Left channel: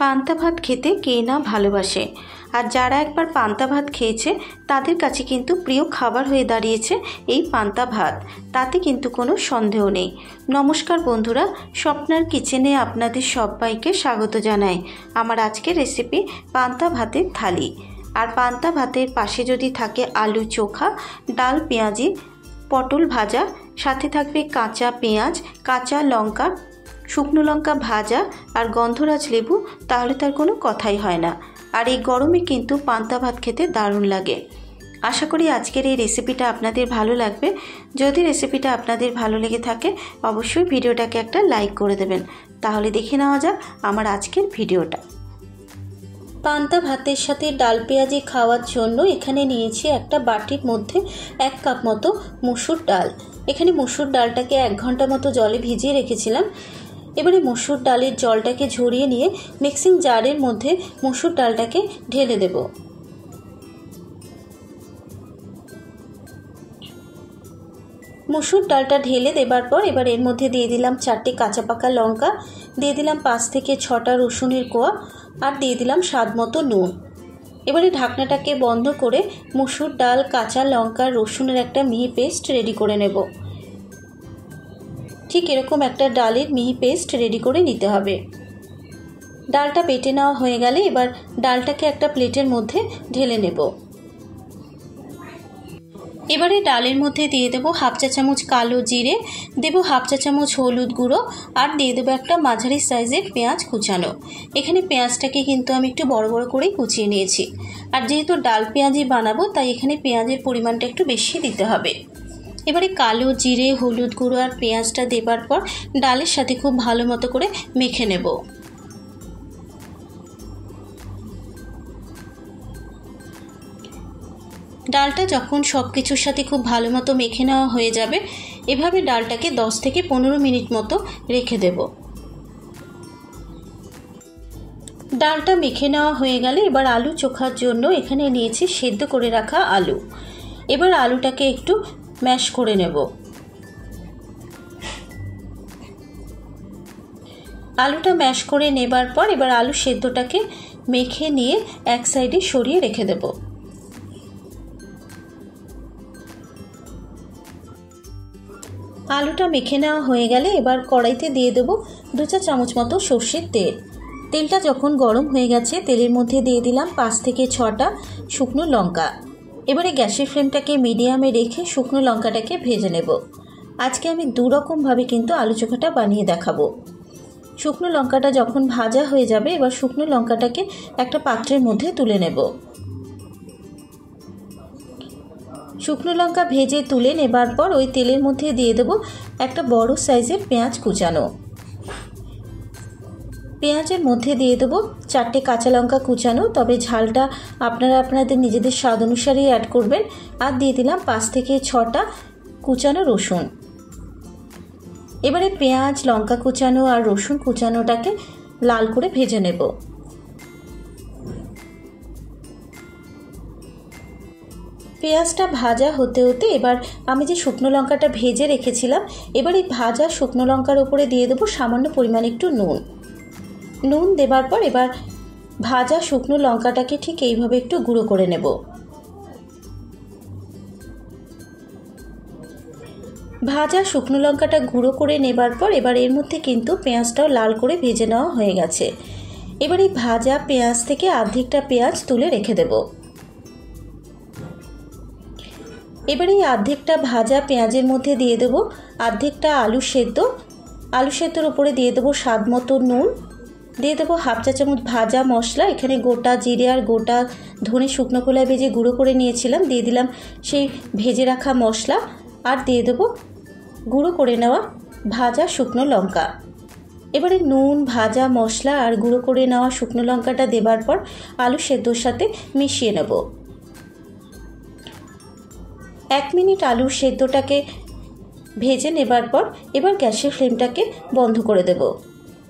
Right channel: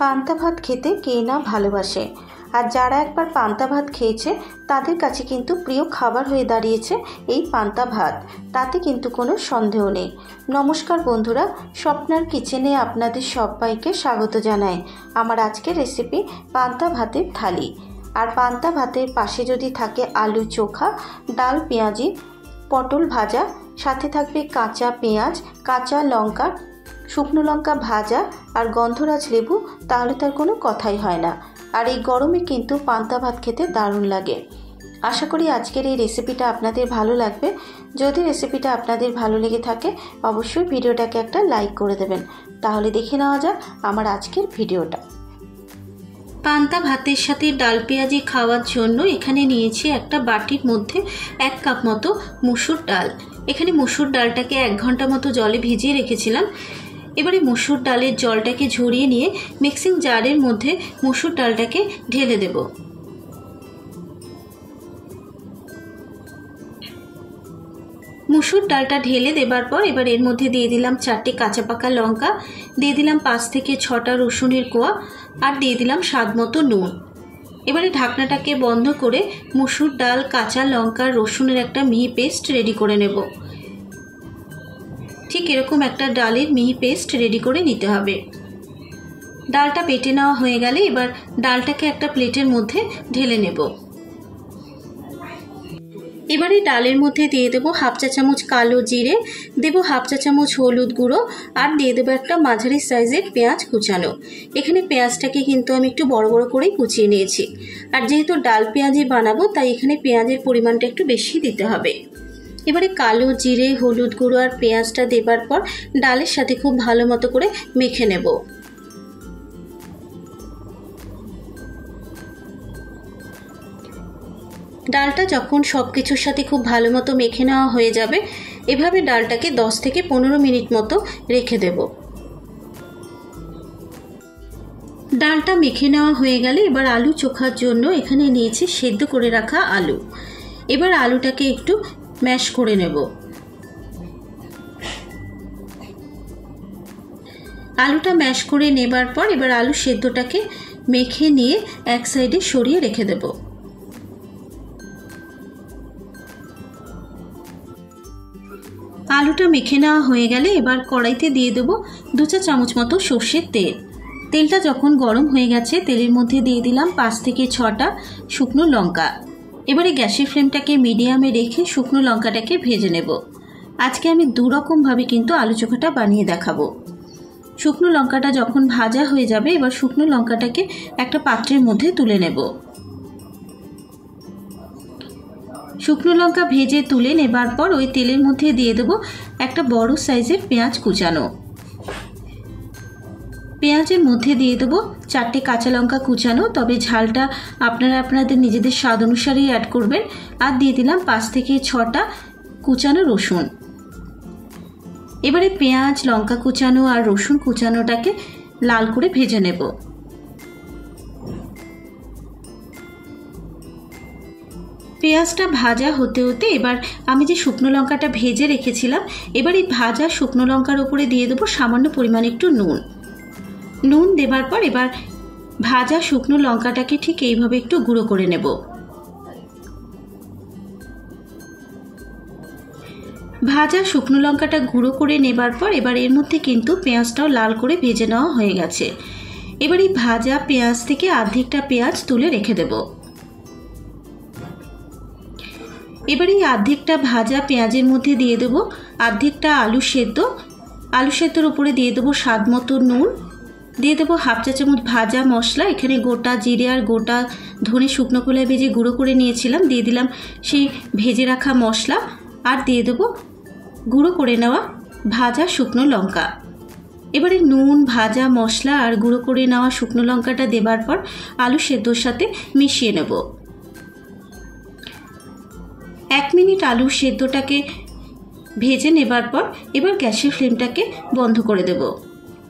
পান্তা ভাত খেতে কে না ভালোবাসে। আর যারা একবার পান্তা ভাত খেয়েছে তাদের কাছে কিন্তু প্রিয় খাবার হয়ে দাঁড়িয়েছে এই পান্তা ভাত, তাতে কিন্তু কোনো সন্দেহ নেই। নমস্কার বন্ধুরা, স্বপ্নার কিচেনে আপনাদের সবাইকে স্বাগত জানাই। আমার আজকের রেসিপি পান্তা ভাতের থালি। আর পান্তা ভাতের পাশে যদি থাকে আলু চোখা, ডাল পেঁয়াজি, পটল ভাজা, সাথে থাকবে কাঁচা পেঁয়াজ, কাঁচা লঙ্কা, শুকনো লঙ্কা ভাজা আর গন্ধরাজ লেবু, তাহলে তার কোনো কথাই হয় না। আর এই গরমে কিন্তু পান্তা ভাত খেতে দারুণ লাগে। আশা করি আজকের এই রেসিপিটা আপনাদের ভালো লাগবে। যদি রেসিপিটা আপনাদের ভালো লেগে থাকে অবশ্যই ভিডিওটাকে একটা লাইক করে দেবেন। তাহলে দেখে নেওয়া যাক আমার আজকের ভিডিওটা। পান্তা ভাতের সাথে ডাল পেঁয়াজি খাওয়ার জন্য এখানে নিয়েছি একটা বাটির মধ্যে 1 কাপ মতো মসুর ডাল। এখানে মসুর ডালটাকে 1 ঘন্টা মতো জলে ভিজিয়ে রেখেছিলাম। এবারে মসুর ডালের জলটাকে ঝরিয়ে নিয়ে মিক্সিং জারের মধ্যে মসুর ডালটাকে ঢেলে দেব। মসুর ডালটা ঢেলে দেবার পর এবার এর মধ্যে দিয়ে দিলাম 4টে কাঁচা পাকা লঙ্কা, দিয়ে দিলাম 5 থেকে 6টা রসুনের কোয়া, আর দিয়ে দিলাম স্বাদ মতো নুন। এবারে ঢাকনাটাকে বন্ধ করে মসুর ডাল, কাঁচা লঙ্কা, রসুনের একটা মিহি পেস্ট রেডি করে নেব। ঠিক এরকম একটা ডালের মিহি পেস্ট রেডি করে নিতে হবে। ডালটা বেটে নেওয়া হয়ে গেলে এবার ডালটাকে একটা প্লেটের মধ্যে ঢেলে নেব। এবারে ডালের মধ্যে দিয়ে দেবো 1/2 চা চামচ কালো জিরে, দেবো 1/2 চা চামচ হলুদ গুঁড়ো, আর দিয়ে দেবো একটা মাঝারি সাইজের পেঁয়াজ কুচানো। এখানে পেঁয়াজটাকে কিন্তু আমি একটু বড় বড় করেই কুচিয়ে নিয়েছি। আর যেহেতু ডাল পেঁয়াজি বানাবো তাই এখানে পেঁয়াজের পরিমাণটা একটু বেশি দিতে হবে। এবারে কালো জিরে, হলুদ গুঁড়ো আর পেঁয়াজটা দেবার পর ডালের সাথে খুব ভালো মতো করে মেখে নেব। ডালটা যখন সব কিছুর সাথে খুব ভালো মতো মেখে নেওয়া হয়ে যাবে, এভাবে ডালটাকে 10 থেকে 15 মিনিট মতো রেখে দেব। ডালটা মেখে নেওয়া হয়ে গেলে এবার আলু চোখার জন্য এখানে নিয়েছি সেদ্ধ করে রাখা আলু। এবার আলুটাকে একটু ম্যাশ করে নেব। আলুটা ম্যাশ করে নেবার পর এবার আলু সেদ্ধটাকে মেখে নিয়ে এক সাইডে সরিয়ে রেখে দেব। আলুটা মেখে নেওয়া হয়ে গেলে এবার কড়াইতে দিয়ে দেব 2 চা চামচ মতো সর্ষের তেল। তেলটা যখন গরম হয়ে গেছে তেলের মধ্যে দিয়ে দিলাম 5 থেকে 6টা শুকনো লঙ্কা। এবারে গ্যাসের ফ্লেমটাকে মিডিয়ামে রেখে শুকনো লঙ্কাটাকে ভেজে নেব। আজকে আমি 2 রকমভাবে কিন্তু আলু চোখাটা বানিয়ে দেখাবো। শুকনো লঙ্কাটা যখন ভাজা হয়ে যাবে এবার শুকনো লঙ্কাটাকে একটা পাত্রের মধ্যে তুলে নেব। শুকনো লঙ্কা ভেজে তুলে নেবার পর ওই তেলের মধ্যে দিয়ে দেব একটা বড় সাইজের পেঁয়াজ কুচানো। পেঁয়াজের মধ্যে দিয়ে দেবো 4টে কাঁচা লঙ্কা কুচানো, তবে ঝালটা আপনারা আপনাদের নিজেদের স্বাদ অনুসারেই অ্যাড করবেন। আর দিয়ে দিলাম 5 থেকে 6টা কুচানো রসুন। এবারে পেঁয়াজ, লঙ্কা কুচানো আর রসুন কুচানোটাকে লাল করে ভেজে নেব। পেঁয়াজটা ভাজা হতে হতে এবার আমি যে শুকনো লঙ্কাটা ভেজে রেখেছিলাম, এবার এই ভাজা শুকনো লঙ্কার উপরে দিয়ে দেবো সামান্য পরিমাণে একটু নুন। নুন দেবার পর এবার ভাজা শুকনো লঙ্কাটাকে ঠিক এইভাবে একটু গুঁড়ো করে নেব। ভাজা শুকনো লঙ্কাটা গুঁড়ো করে নেবার পর এবার এর মধ্যে কিন্তু পেঁয়াজটাও লাল করে ভেজে নেওয়া হয়ে গেছে। এবার এই ভাজা পেঁয়াজ থেকে অর্ধেকটা পেঁয়াজ তুলে রেখে দেব। এবার এই অর্ধেকটা ভাজা পেঁয়াজের মধ্যে দিয়ে দেবো অর্ধেকটা আলু সেদ্ধ। আলু সেদ্ধর উপরে দিয়ে দেবো স্বাদ মতো নুন, দিয়ে দেবো 1/2 চা চামচ ভাজা মশলা। এখানে গোটা জিরে আর গোটা ধনে শুকনো খোলায় ভেজে গুঁড়ো করে নিয়েছিলাম, দিয়ে দিলাম সেই ভেজে রাখা মশলা, আর দিয়ে দেবো গুঁড়ো করে নেওয়া ভাজা শুকনো লঙ্কা। এবারে নুন, ভাজা মশলা আর গুঁড়ো করে নেওয়া শুকনো লঙ্কাটা দেবার পর আলু সেদ্ধর সাথে মিশিয়ে নেব। 1 মিনিট আলু সেদ্ধটাকে ভেজে নেবার পর এবার গ্যাসের ফ্লেমটাকে বন্ধ করে দেব।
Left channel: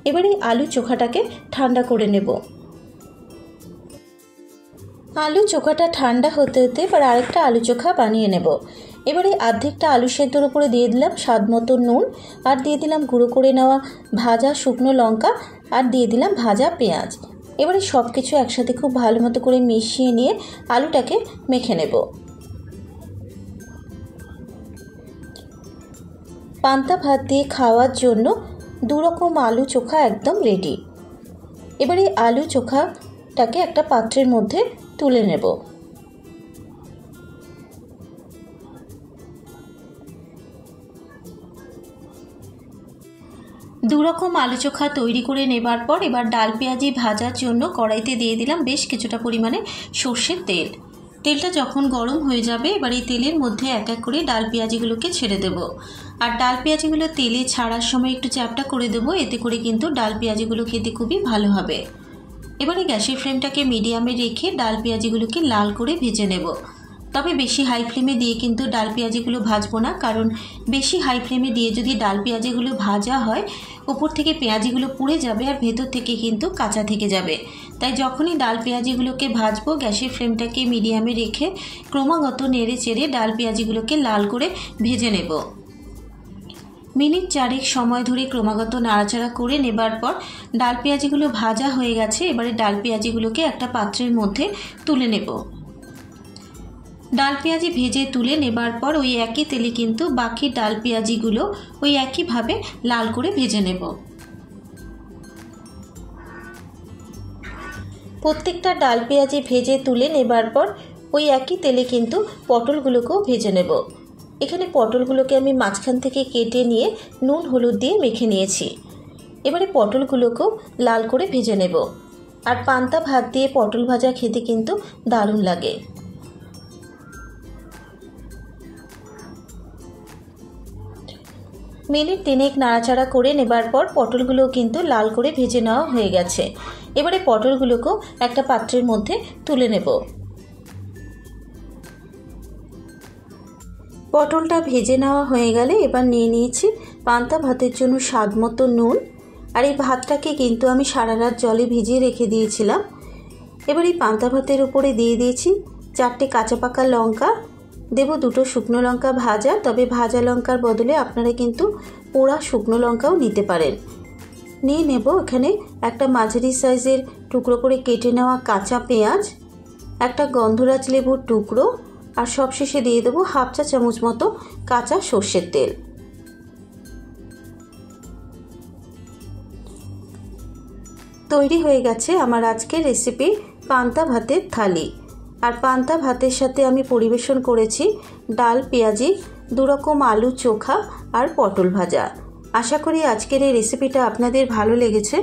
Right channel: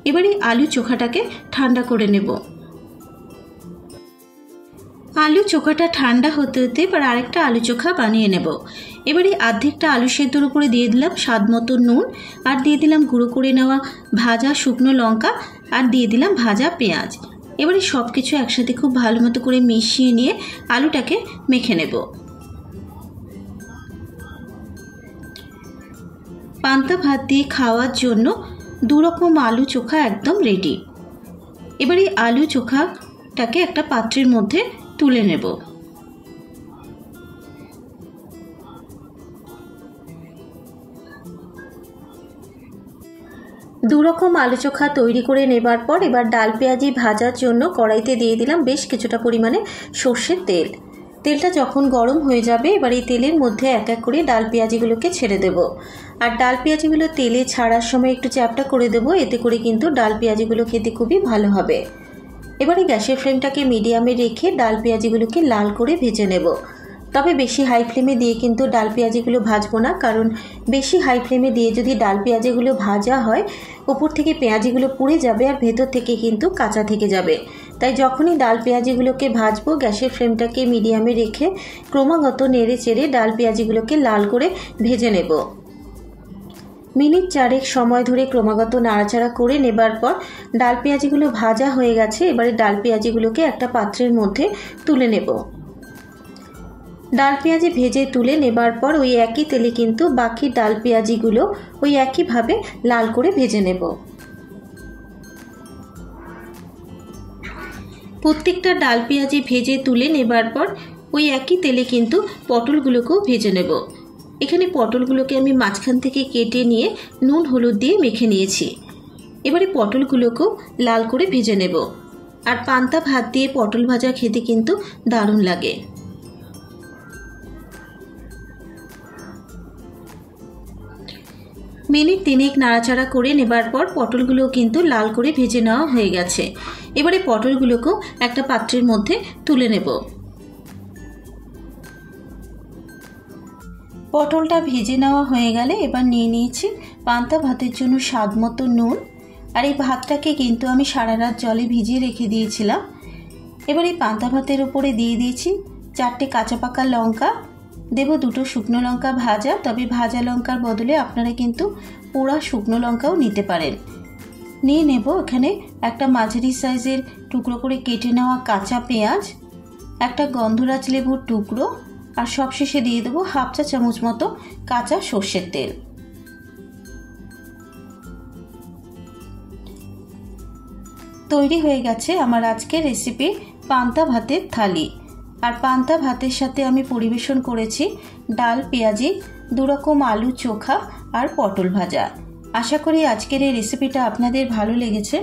এবারে আলু চোখাটাকে ঠান্ডা করে নেব। আলু চোখাটা ঠান্ডা হতে হতে এবার আরেকটা আলু চোখা বানিয়ে নেব। এবারে অর্ধেকটা আলু সেদ্ধর উপরে দিয়ে দিলাম স্বাদ মতো নুন, আর দিয়ে দিলাম গুঁড়ো করে নেওয়া ভাজা শুকনো লঙ্কা, আর দিয়ে দিলাম ভাজা পেঁয়াজ। এবারে সব কিছু একসাথে খুব ভালো মতো করে মিশিয়ে নিয়ে আলুটাকে মেখে নেব। পান্তা ভাত দিয়ে খাওয়ার জন্য 2 রকম আলু চোখা একদম রেডি। এবার এই আলু চোখাটাকে একটা পাত্রের মধ্যে তুলে নেব। দু রকম আলু চোখা তৈরি করে নেবার পর এবার ডাল পেঁয়াজি ভাজার জন্য কড়াইতে দিয়ে দিলাম বেশ কিছুটা পরিমাণে সর্ষের তেল। তেলটা যখন গরম হয়ে যাবে এবার এই তেলের মধ্যে এক এক করে ডাল পেঁয়াজিগুলোকে ছেড়ে দেব। আর ডাল পেঁয়াজিগুলো তেলে ছাড়ার সময় একটু চ্যাপটা করে দেব, এতে করে কিন্তু ডাল পেঁয়াজিগুলো খেতে খুবই ভালো হবে। এবারে গ্যাসের ফ্লেমটাকে মিডিয়ামে রেখে ডাল পেঁয়াজিগুলোকে লাল করে ভেজে নেব। তবে বেশি হাই ফ্লেমে দিয়ে কিন্তু ডাল পেঁয়াজিগুলো ভাজবো না, কারণ বেশি হাই ফ্লেমে দিয়ে যদি ডাল পেঁয়াজিগুলো ভাজা হয় উপর থেকে পেঁয়াজিগুলো পুড়ে যাবে আর ভেতর থেকে কিন্তু কাঁচা থেকে যাবে। তাই যখনই ডাল পেঁয়াজিগুলোকে ভাজবো গ্যাসের ফ্লেমটাকে মিডিয়ামে রেখে ক্রমাগত নেড়ে চেড়ে ডাল পেঁয়াজিগুলোকে লাল করে ভেজে নেব। মিনিট 4 সময় ধরে ক্রমাগত নাড়াচাড়া করে নেবার পর ডাল পেঁয়াজিগুলো ভাজা হয়ে গেছে। এবারে ডাল পেঁয়াজিগুলোকে একটা পাত্রের মধ্যে তুলে নেব। ডাল পেঁয়াজি ভেজে তুলে নেবার পর ওই একই তেলে কিন্তু বাকি ডাল পেঁয়াজিগুলো ওই একইভাবে লাল করে ভেজে নেব। প্রত্যেকটা ডাল পেঁয়াজি ভেজে তুলে নেবার পর ওই একই তেলে কিন্তু পটলগুলোকেও ভেজে নেব। এখানে পটলগুলোকে আমি মাঝখান থেকে কেটে নিয়ে নুন হলুদ দিয়ে মেখে নিয়েছি। এবারে পটলগুলোকেও লাল করে ভেজে নেব। আর পান্তা ভাত দিয়ে পটল ভাজা খেতে কিন্তু দারুণ লাগে। মিনিট 3 নাড়াচাড়া করে নেবার পর পটলগুলোও কিন্তু লাল করে ভেজে নেওয়া হয়ে গেছে। এবারে পটলগুলোকেও একটা পাত্রের মধ্যে তুলে নেব। পটলটা ভেজে নেওয়া হয়ে গেলে এবার নিয়ে নিয়েছি পান্তা ভাতের জন্য স্বাদ মতো নুন। আর এই ভাতটাকে কিন্তু আমি সারা রাত জলে ভিজিয়ে রেখে দিয়েছিলাম। এবার এই পান্তা ভাতের উপরে দিয়ে দিয়েছি 4টে কাঁচা পাকা লঙ্কা, দেব 2টো শুকনো লঙ্কা ভাজা, তবে ভাজা লঙ্কার বদলে আপনারা কিন্তু পোড়া শুকনো লঙ্কাও নিতে পারেন। নিয়ে নেব এখানে একটা মাঝারি সাইজের টুকরো করে কেটে নেওয়া কাঁচা পেঁয়াজ, একটা গন্ধরাজ লেবুর টুকরো, আর সবশেষে দিয়ে দেবো 1/2 চা চামচ মতো কাঁচা সর্ষের তেল। তৈরি হয়ে গেছে আমার আজকের রেসিপি পান্তা ভাতের থালি। আর পান্তা ভাতের সাথে আমি পরিবেশন করেছি ডাল পেঁয়াজি, 2 রকম আলু চোখা আর পটল ভাজা। আশা করি আজকের এই রেসিপিটা আপনাদের ভালো লেগেছে।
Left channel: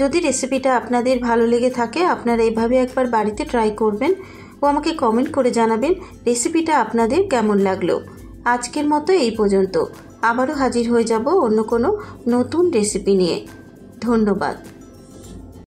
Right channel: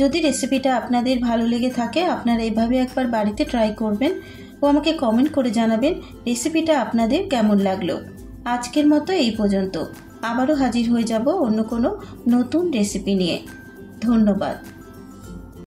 যদি রেসিপিটা আপনাদের ভালো লেগে থাকে আপনারা এইভাবে একবার বাড়িতে ট্রাই করবেন ও আমাকে কমেন্ট করে জানাবেন রেসিপিটা আপনাদের কেমন লাগলো। আজকের মতো এই পর্যন্ত, আবারও হাজির হয়ে যাব অন্য কোনো নতুন রেসিপি নিয়ে। ধন্যবাদ।